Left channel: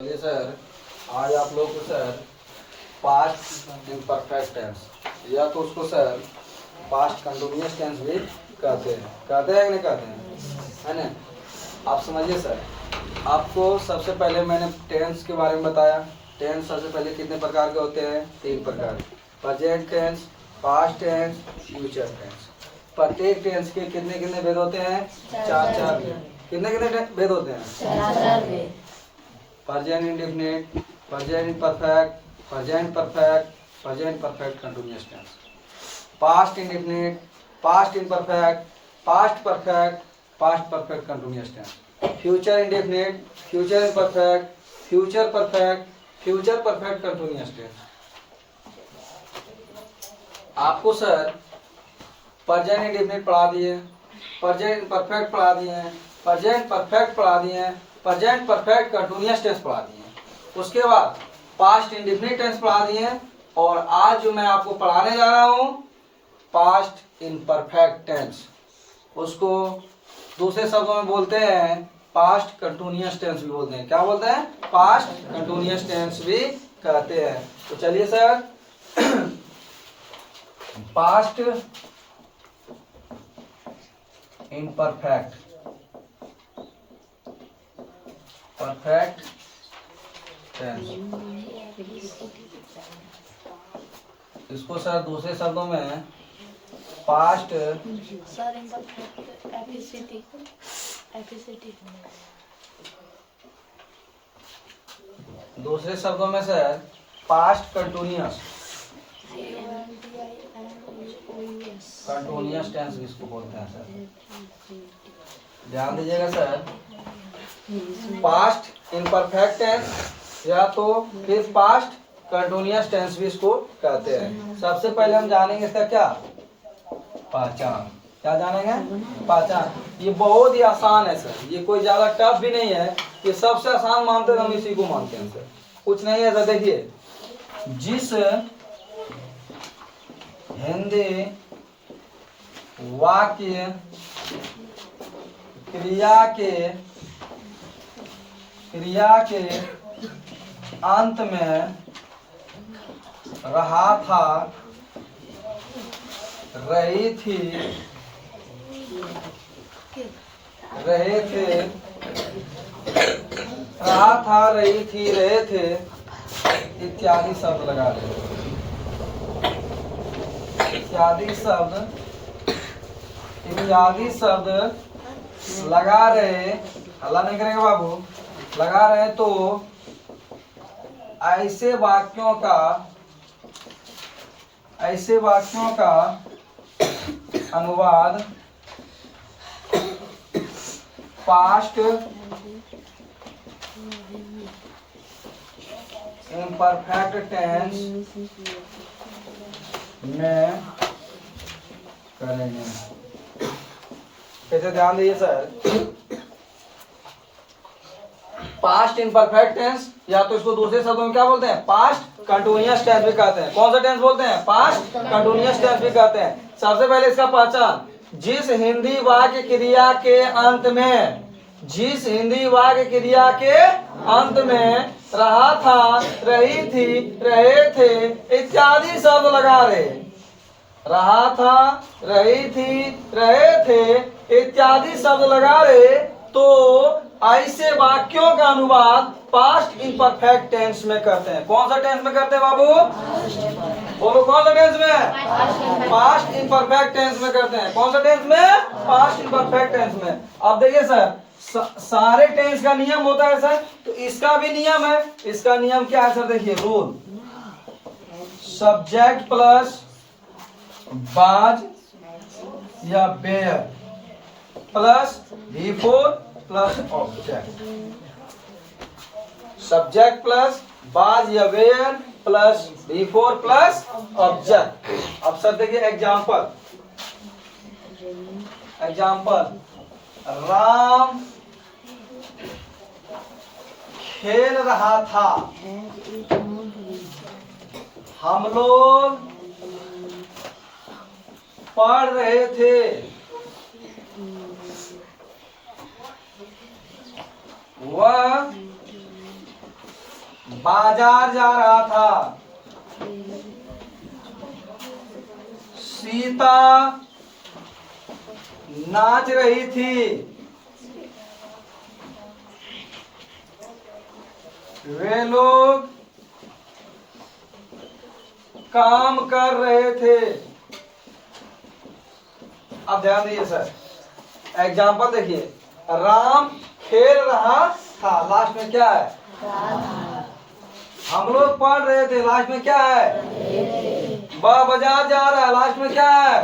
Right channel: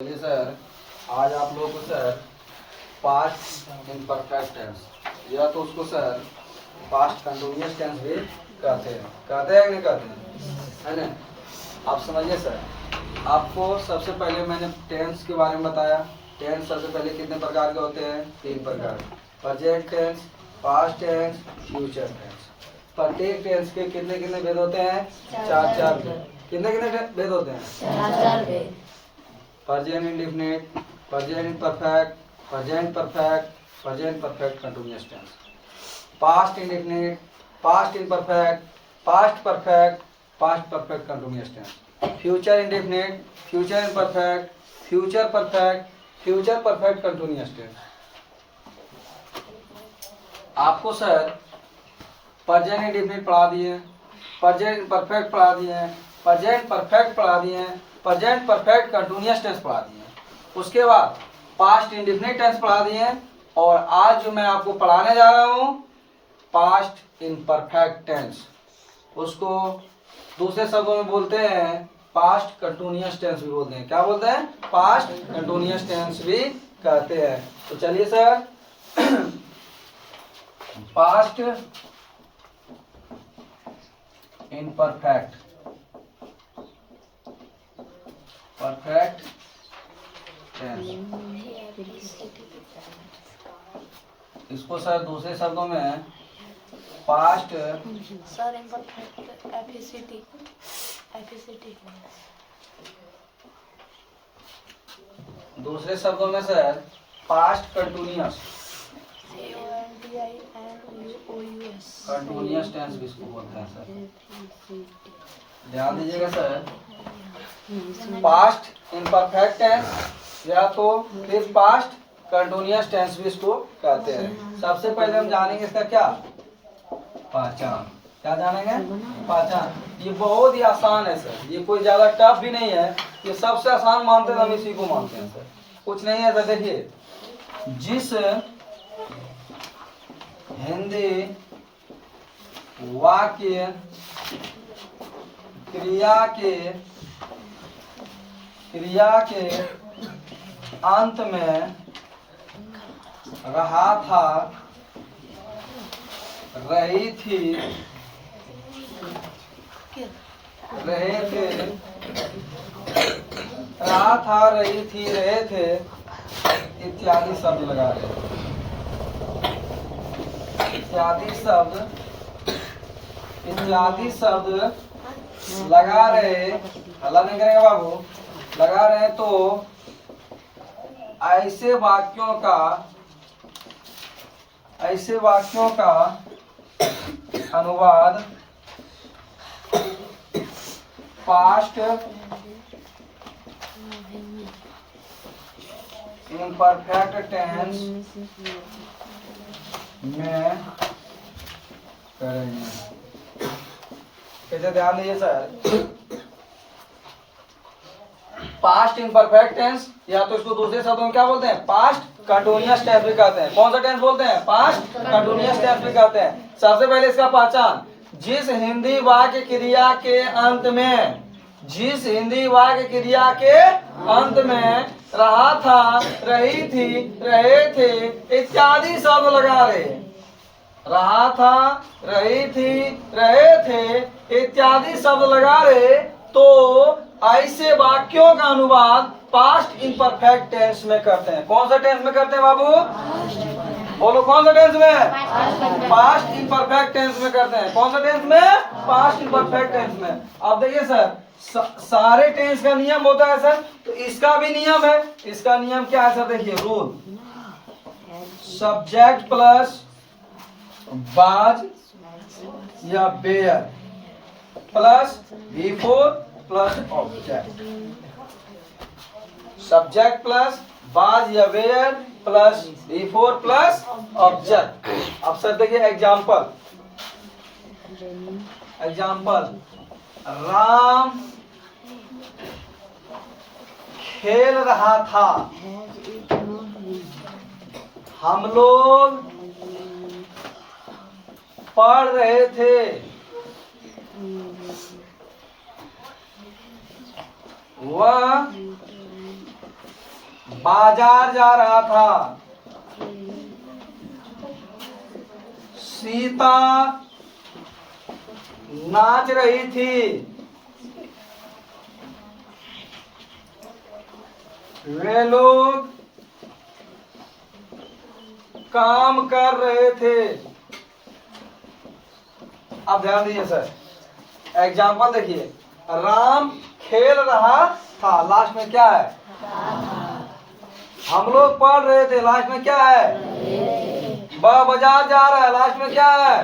चलिए सर, आज आप लोग को सर पास्ट इम्परफेक्ट टेंस या तो उसको सर पास्ट कंटिन्यूअस टेंस भी कहते हैं कि नहीं कहते हैं, है ना। आप समझिए सर, आपको सबसे पहले मैंने टेंस के बारे में बताया। टेंस सबसे पहले कितने प्रकार के होते हैं? 3 प्रकार। Present tense, past tense, future tense. प्रत्येक टेंस के कितने कितने भेद होते हैं? 4 भेद। कितने कितने भेद होते हैं? 4 भेद। Present indefinite, present imperfect, present perfect, present perfect continuous tense. Past indefinite, past imperfect, past perfect, past perfect continuous tense. Future indefinite, future imperfect, future perfect, future perfect continuous tense. आपको सर प्रेजेंट इंडेफिनिट पढ़ा दिए, present imperfect पढ़ा दिए, present perfect पढ़ा दिए, present perfect continuous tense पढ़ा दिए। उसके बाद पास्ट इंडेफिनिट टेंस पढ़ा दिए, और आज जो मैं आपको पढ़ाने जा रहा हूं पास्ट इम्परफेक्ट टेंस, उसको दूसरे शब्दों में बोलते हैं पास्ट कंटिन्यूअस टेंस भी बोलते हैं। क्या बोलते हैं? पास्ट कंटिन्यूअस टेंस भी कहते हैं। तो चलिए sir, past imperfect, perfect tense, इसको सर दूसरे शब्दों में पास्ट सर इम्परफेक्ट एफिसिटी दूसरे शब्दों में sir past continuous, continuous tense भी इसको बोलते हैं सर। ध्यान दीजिएगा सर, पास्ट इम्परफेक्ट टेंस या तो फिर पास्ट कंटिन्यूअस टेंस भी इसको कहते हैं। सबसे पहले हम जानेंगे इसका क्या पहचान। क्या जानेंगे? पहचान। ये बहुत ही आसान है सर, ये कोई ज्यादा टफ भी नहीं है। ये सबसे आसान मानते हैं, हम इसी को मानते हैं सर, कुछ नहीं है सर। देखिए, जिस हिंदी वाक्य क्रिया के अंत में रहा था, रही थी, रहे थे, रहा था, रही थी, रहे थे इत्यादि शब्द लगा रहे, इत्यादि शब्द लगा रहे। हल्ला नहीं करेंगे बाबू, लगा रहे तो ऐसे वाक्यों का अनुवाद पास्ट इम्परफेक्ट टेंस में करेंगे। कैसे? ध्यान दीजिए सर, पास्ट इम्परफेक्ट टेंस या तो इसको दूसरे शब्दों में क्या बोलते हैं? पास्ट कंटिन्यूअस टेंस भी कहते हैं। कौन सा टेंस बोलते हैं? पास्ट कंटिन्यूअस टेंस भी कहते हैं। सबसे पहले इसका पहचान, जिस हिंदी वाक्य क्रिया के अंत में, जिस हिंदी वाक्य क्रिया के अंत में रहा था, रही थी, रहे थे इत्यादि शब्द लगा रहे। रहा था, रही थी, रहे थे इत्यादि शब्द लगा रहे तो ऐसे वाक्यों का अनुवाद पास्ट इम्परफेक्ट टेंस में करते हैं। कौन सा टेंस में करते हैं बाबू? बोलो, कौन सा टेंस में? पास्ट इम्परफेक्ट टेंस में करते हैं। कौन सा टेंस में? पास्ट इम्परफेक्ट टेंस में। अब देखिए सर, सारे टेंस का नियम होता है सर, तो इसका भी नियम है। इसका नियम क्या है सर? देखिए, रूल, सब्जेक्ट प्लस बाज या were plus before plus object. Subject plus was या were plus before plus object. अब सर देखिए एग्जाम्पल, राम खेल रहा था, हम लोग पढ़ रहे थे, वह बाजार जा रहा था, सीता नाच रही थी, वे लोग काम कर रहे थे। अब ध्यान दीजिए सर, एग्जाम्पल देखिए, राम खेल रहा था, लास्ट में क्या है? हम लोग पढ़ रहे थे, लास्ट में क्या है? वह बाजार जा रहा है, लास्ट में क्या है?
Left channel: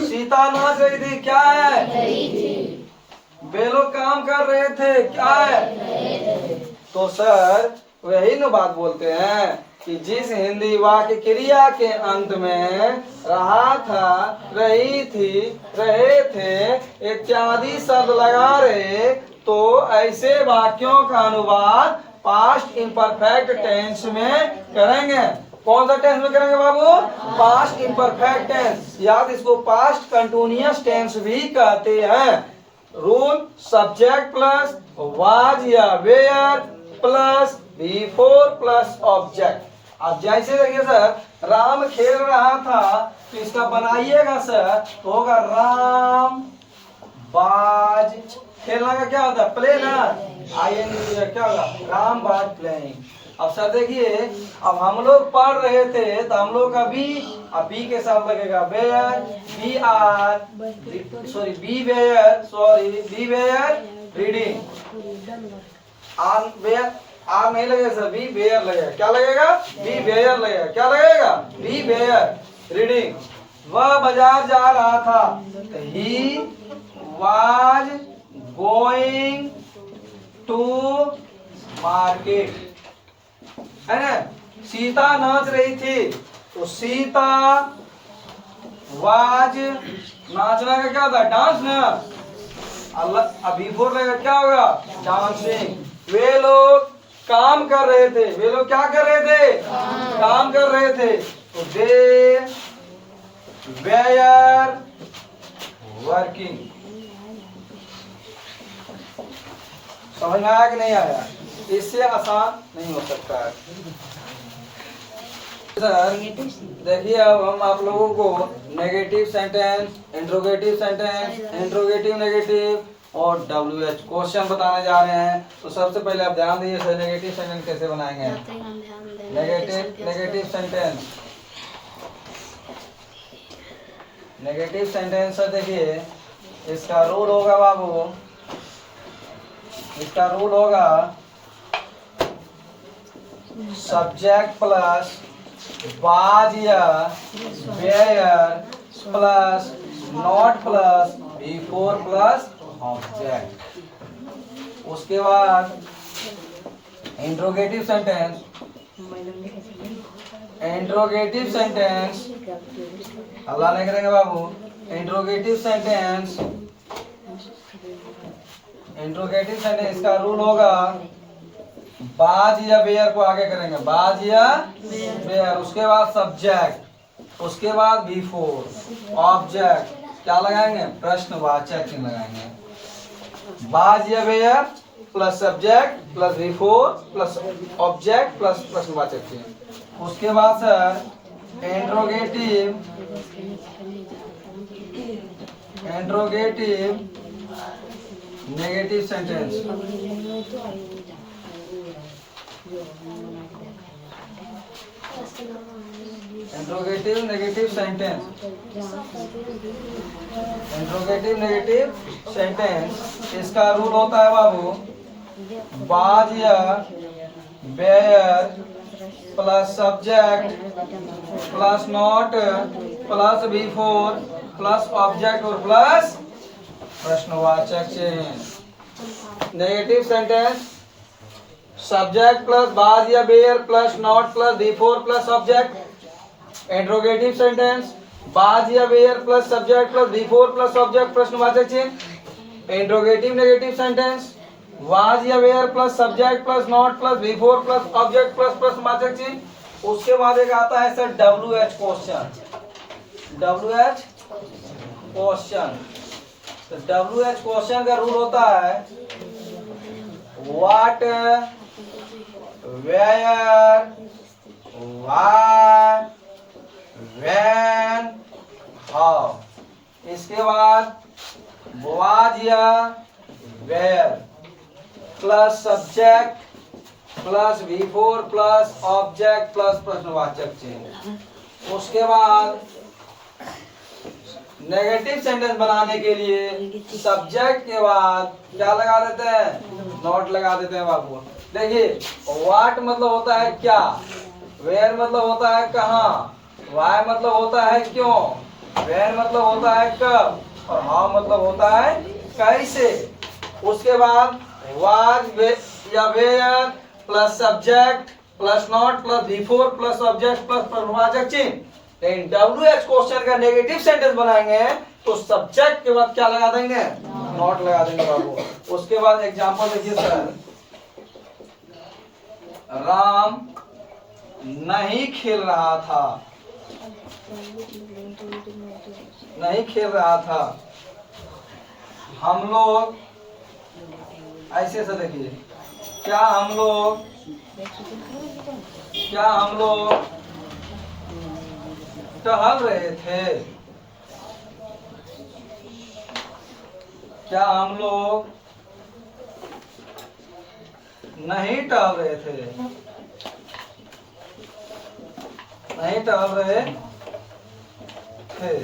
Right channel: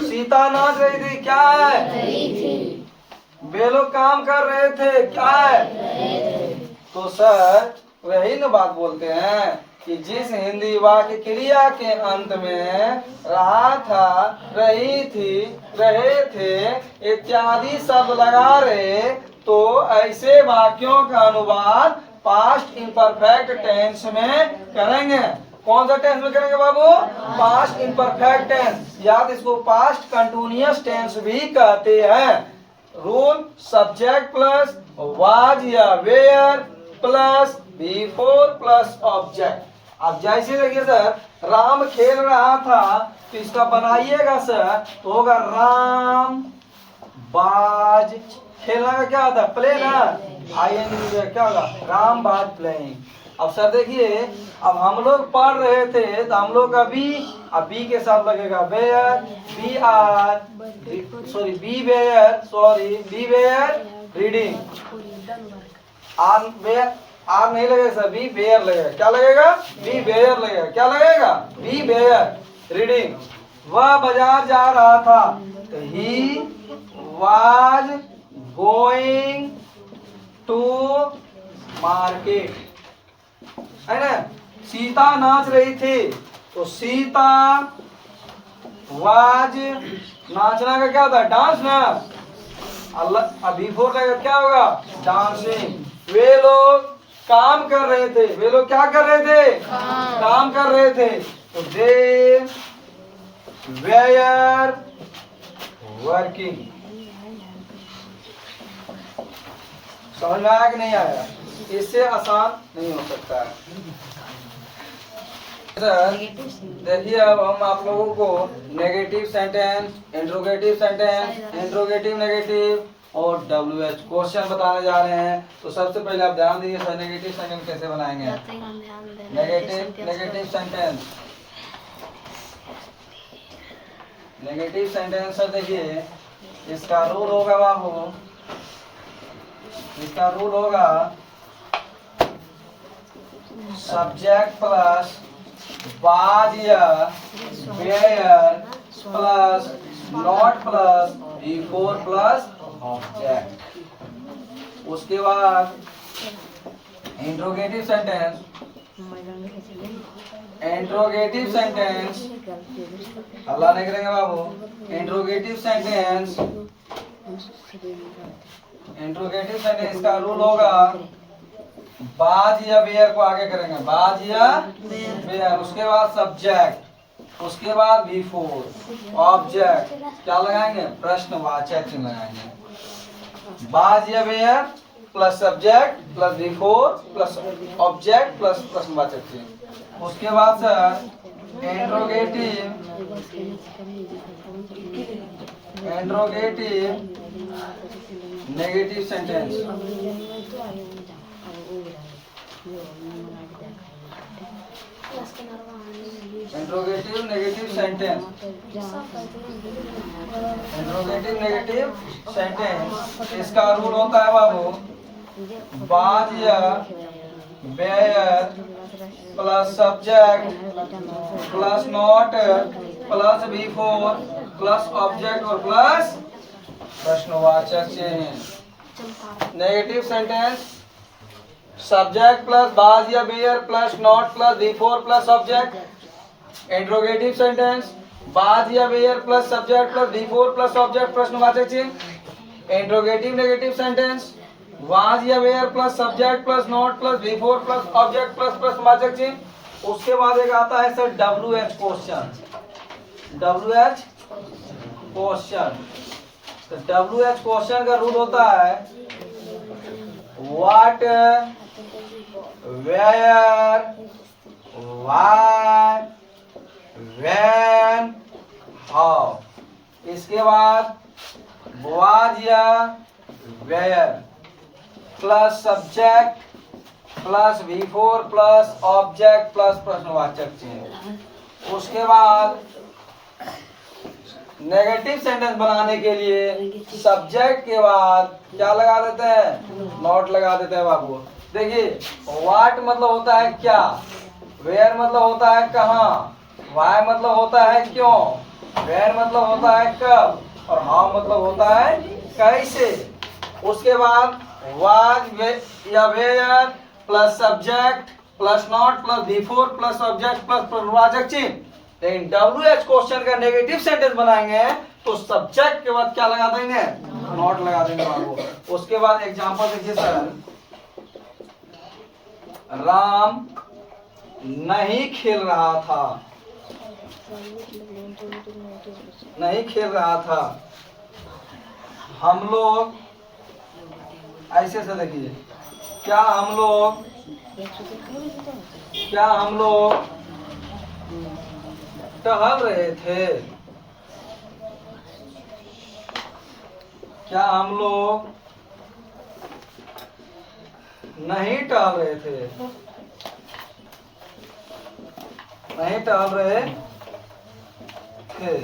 सीता नाच रही थी, क्या है? वे लोग काम कर रहे थे, क्या है? तो सर वही न बात बोलते हैं कि जिस हिंदी वाक्य क्रिया के अंत में रहा था, रही थी, रहे थे इत्यादि शब्द लगा रहे, तो ऐसे वाक्यों का अनुवाद पास्ट इम्परफेक्ट टेंस में करेंगे। कौन सा टेंस में करेंगे बाबू? Past imperfect tense. याद इसको पास्ट कंटिन्यूअस टेंस भी कहते हैं। रूल सब्जेक्ट प्लस वाज या were plus before plus object. अब जैसे देखिए सर, राम खेल रहा था, तो इसका बनाइएगा सर, तो होगा राम बाज, खेलना का क्या होता है? प्ले ना, ING क्या होगा? राम बाज प्लेइंग। अब सर देखिए, अब हम लोग पढ़ रहे थे, तो हम लोग का बी के साथ लगेगा were, we were reading, are नहीं लगेगा सर, बी वेयर लगेगा। क्या लगेगा? बी वेयर लगेगा। क्या लगेगा? We were reading. वह बाजार जा रहा था, he was going to market, है ना। सीता नाच रही थी, तो सीता वाज, नाचना का क्या होता है? डांस ना। अल्लाह अभी फोर लगेगा, क्या होगा? डांसिंग। वे लोग काम कर रहे थे, वे लोग क्या कर रहे थे? काम कर रहे थे, तो दे वेयर वर्किंग। समझ में आया कि नहीं आया? इससे आसान नहीं हो सकता है सर। देखिए, अब हम आप लोगों को negative sentence, interrogative sentence, interrogative negative और WH क्वेश्चन बताने जा रहे हैं। तो सबसे पहले आप ध्यान दीजिए सर, नेगेटिव सेंटेंस कैसे बनाएंगे? Negative sentence, negative sentence sir देखिए, इसका रूल होगा बाबू, इसका रूल होगा सब्जेक्ट प्लस वाज या were plus not plus before plus object. उसके बाद इंट्रोगेटिव सेंटेंस, इंट्रोगेटिव सेंटेंस अल्लाह नहीं करेंगे बाबू। इंट्रोगेटिव सेंटेंस, इंट्रोगेटिव सेंटेंस का रूल होगा बाज या वेयर को आगे करेंगे, बाज या वेयर, उसके बाद सब्जेक्ट, उसके बाद बिफोर ऑब्जेक्ट। क्या लगाएंगे? प्रश्नवाचक चिन्ह लगाएंगे। बाज या were plus subject plus before plus object plus प्रश्नवाचक चिन्ह। उसके बाद sir interrogative, interrogative negative sentence, interrogative negative sentence, interrogative negative sentence. इसका रूल होता है बाबू, बाज या were plus subject plus not plus before plus object और प्लस प्रश्नवाचक चिन्ह। Negative sentence subject plus was या were plus not plus before plus object. Interrogative sentence was या were plus subject plus before plus object प्रश्नवाचक चिन्ह। Interrogative negative sentence was या were plus subject plus not plus before plus object plus प्रश्नवाचक चिन्ह। उसके बाद एक आता है sir WH question, WH question. तो WH क्वेश्चन का रूल होता है what where, why, when, how। इसके बाद was या where plus subject plus V4 plus object plus प्रश्नवाचक चिन्ह। उसके बाद नेगेटिव सेंटेंस बनाने के लिए सब्जेक्ट के बाद क्या लगा देते हैं, नॉट लगा देते हैं बाबू। देखिए व्हाट मतलब होता है क्या, वेयर मतलब होता है कहाँ, वाई मतलब होता है क्यों, व्हेन मतलब होता है कब, और हाउ मतलब होता है कैसे। उसके बाद वाज या were plus subject plus not plus V4 plus object plus प्रश्नवाचक चिन्ह। लेकिन WH क्वेश्चन का नेगेटिव सेंटेंस बनाएंगे तो सब्जेक्ट के बाद क्या लगा देंगे, नॉट लगा देंगे बाबू। उसके बाद एग्जांपल देखिए सर, राम नहीं खेल रहा था, नहीं खेल रहा था। हम लोग ऐसे से देखिए, क्या हम लोग टहल रहे थे, क्या हम लोग नहीं टहल रहे थे, नहीं टहल रहे थे,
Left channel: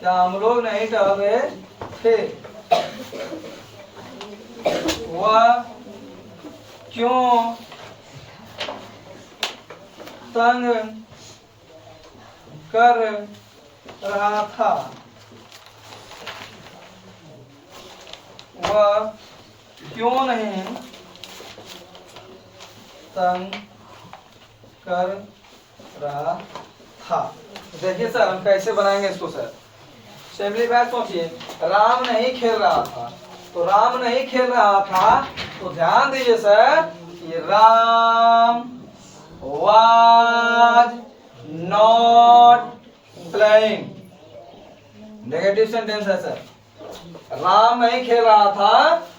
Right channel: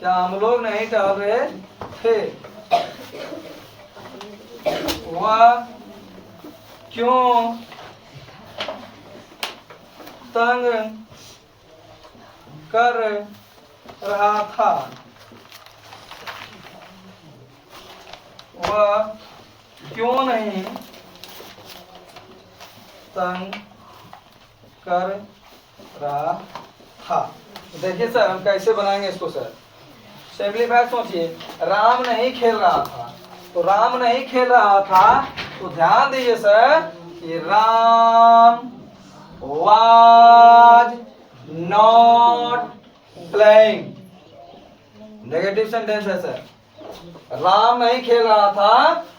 क्या हम लोग नहीं टहल रहे थे। वह क्यों तंग कर रहा था, वह क्यों नहीं तंग कर रहा था। देखिए सर हम कैसे बनाएंगे इसको सर, सिंपलीफाई सोचिए। राम नहीं खेल रहा था, तो राम नहीं खेल रहा था तो ध्यान दीजिए सर कि Ram was not playing, negative sentence है सर। राम नहीं खेल रहा था,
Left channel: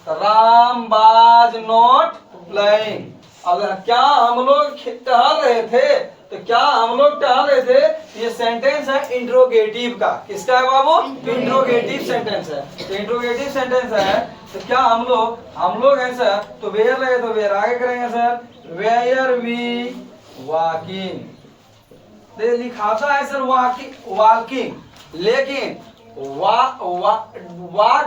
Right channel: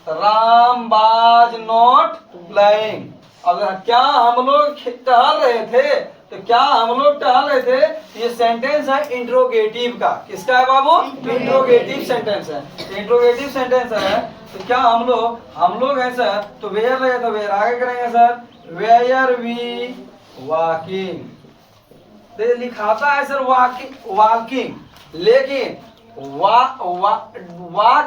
राम was not playing। अब क्या हम लोग टहल रहे थे, तो क्या हम लोग टहल रहे थे, ये सेंटेंस है इंट्रोगेटिव का। किसका है बाबू, इंट्रोगेटिव सेंटेंस है, इंट्रोगेटिव सेंटेंस है। तो क्या हम लोग है सर, तो वेयर रहे तो वेयर आगे करेंगे सर, वेयर वी वॉकिंग। लिखाता है सर वॉकिंग, लेकिन WAL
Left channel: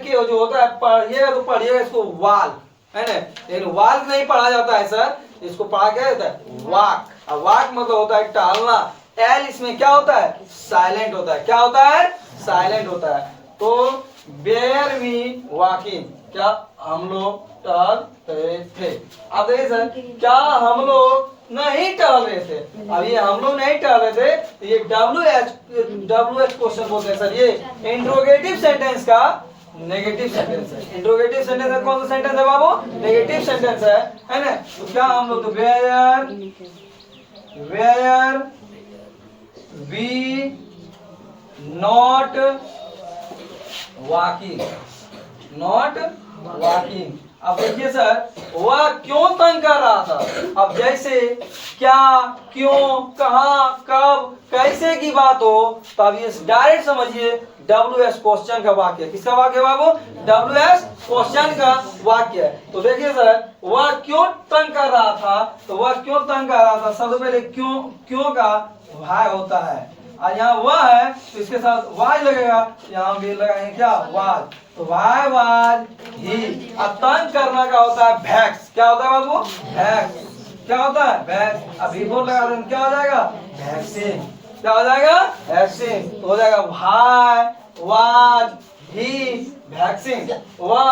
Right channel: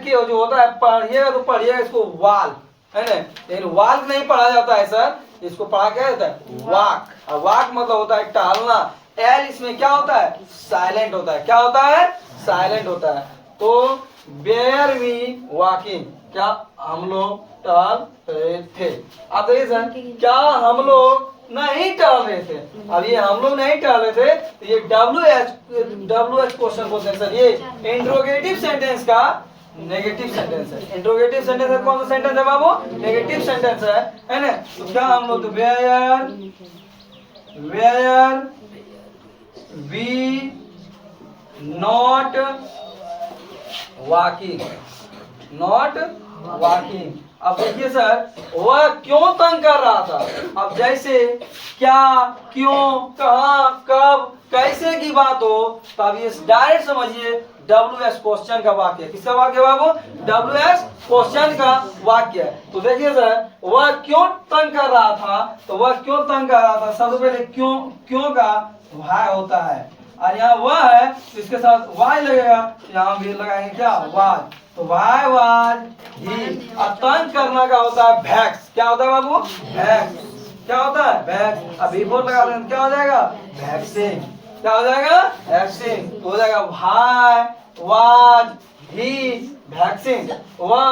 की जो होता है, पढ़िए तो पढ़िए इसको वाल है ना, लेकिन वाल नहीं पढ़ा जाता है सर, इसको पढ़ा क्या जाता है, वॉक। और वॉक मतलब होता है टहलना। एल इसमें क्या होता है, साइलेंट होता है। क्या होता है, साइलेंट होता है। तो वेयर वी वॉकिंग, क्या हम लोग टहल रहे थे। अब देखिए सर, क्या हम लोग नहीं टहल रहे थे। अब ये हम लोग नहीं टहल रहे थे, तो ये WH क्वेश्चन बोलते हैं सर। ये इंट्रोगेटिव सेंटेंस का नेगेटिव सेंटेंस है। इंट्रोगेटिव सेंटेंस है, कौन सा सेंटेंस है बाबू, नेगेटिव सेंटेंस है ना। तो क्या हम लोग, were we not walking, not walking. अब देखिए सर, वह क्यों तंग कर रहा था। अब जैसे क्या, क्यों, कहाँ, कब, कैसे की बात हो, तो अब ये डायरेक्ट समझिए WH क्वेश्चन का वाक्य। किसका वाक्य बाबू, WH क्वेश्चन का वाक्य। तो देखिए सर, वह क्यों तंग कर रहा था, तो वह क्यों तंग कर रहा था, सबसे पहले क्यों का वाई होता है, और यहाँ वह है तो इसके साथ वाई लगेगा, यहाँ भी लगाएंगे क्या, वाज। तो वाई वाज ही। अब तंग करना का होता है भैक्स। क्या होता है बाबू, भैक्स। क्या होता है, भैक्स। अब V4 लगा देंगे, क्या हो जाएगा, वैक्सिंग। क्या हो जाएगा, वैक्सिंग। तो हो जाएगा वाई वाज ही वैक्सिंग। वह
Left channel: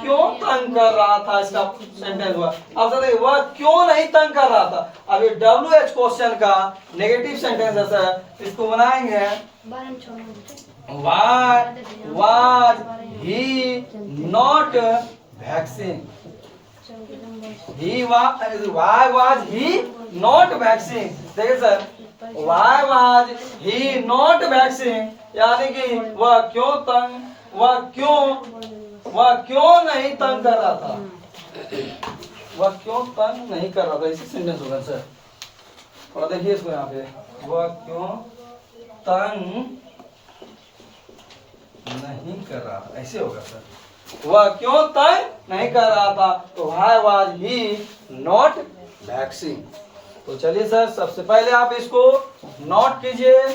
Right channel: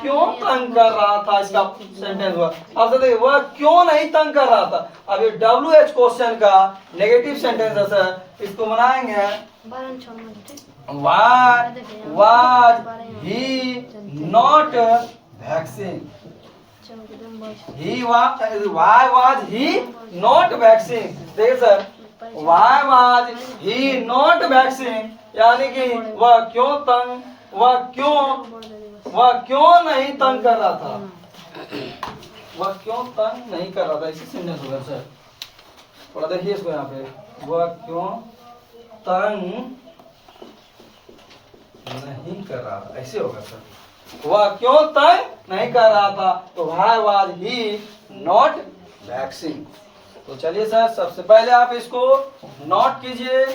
क्यों तंग कर रहा था, इसका सेंटेंस हुआ। अब देखिए, वह क्यों नहीं तंग कर रहा था। अब ये WH क्वेश्चन का नेगेटिव सेंटेंस है सर, इसको बनाएंगे why was he not waxing. Why was he not waxing. देखिए sir, why was he not waxing, यानी कि वह क्यों वह क्यों नहीं तंग कर रहा था, वह क्यों तंग नहीं कर रहा था, इसी सेंटेंस होगा सर। थोड़ा देखिए इसको यहाँ पे, वह क्यों तंग नहीं कर रहा था, ऐसे होगा सर। वह क्यों तंग नहीं कर रहा था, तो why was he not vexing। तो चलिए सर, सबसे पहले आप इसको नोट कीजिए।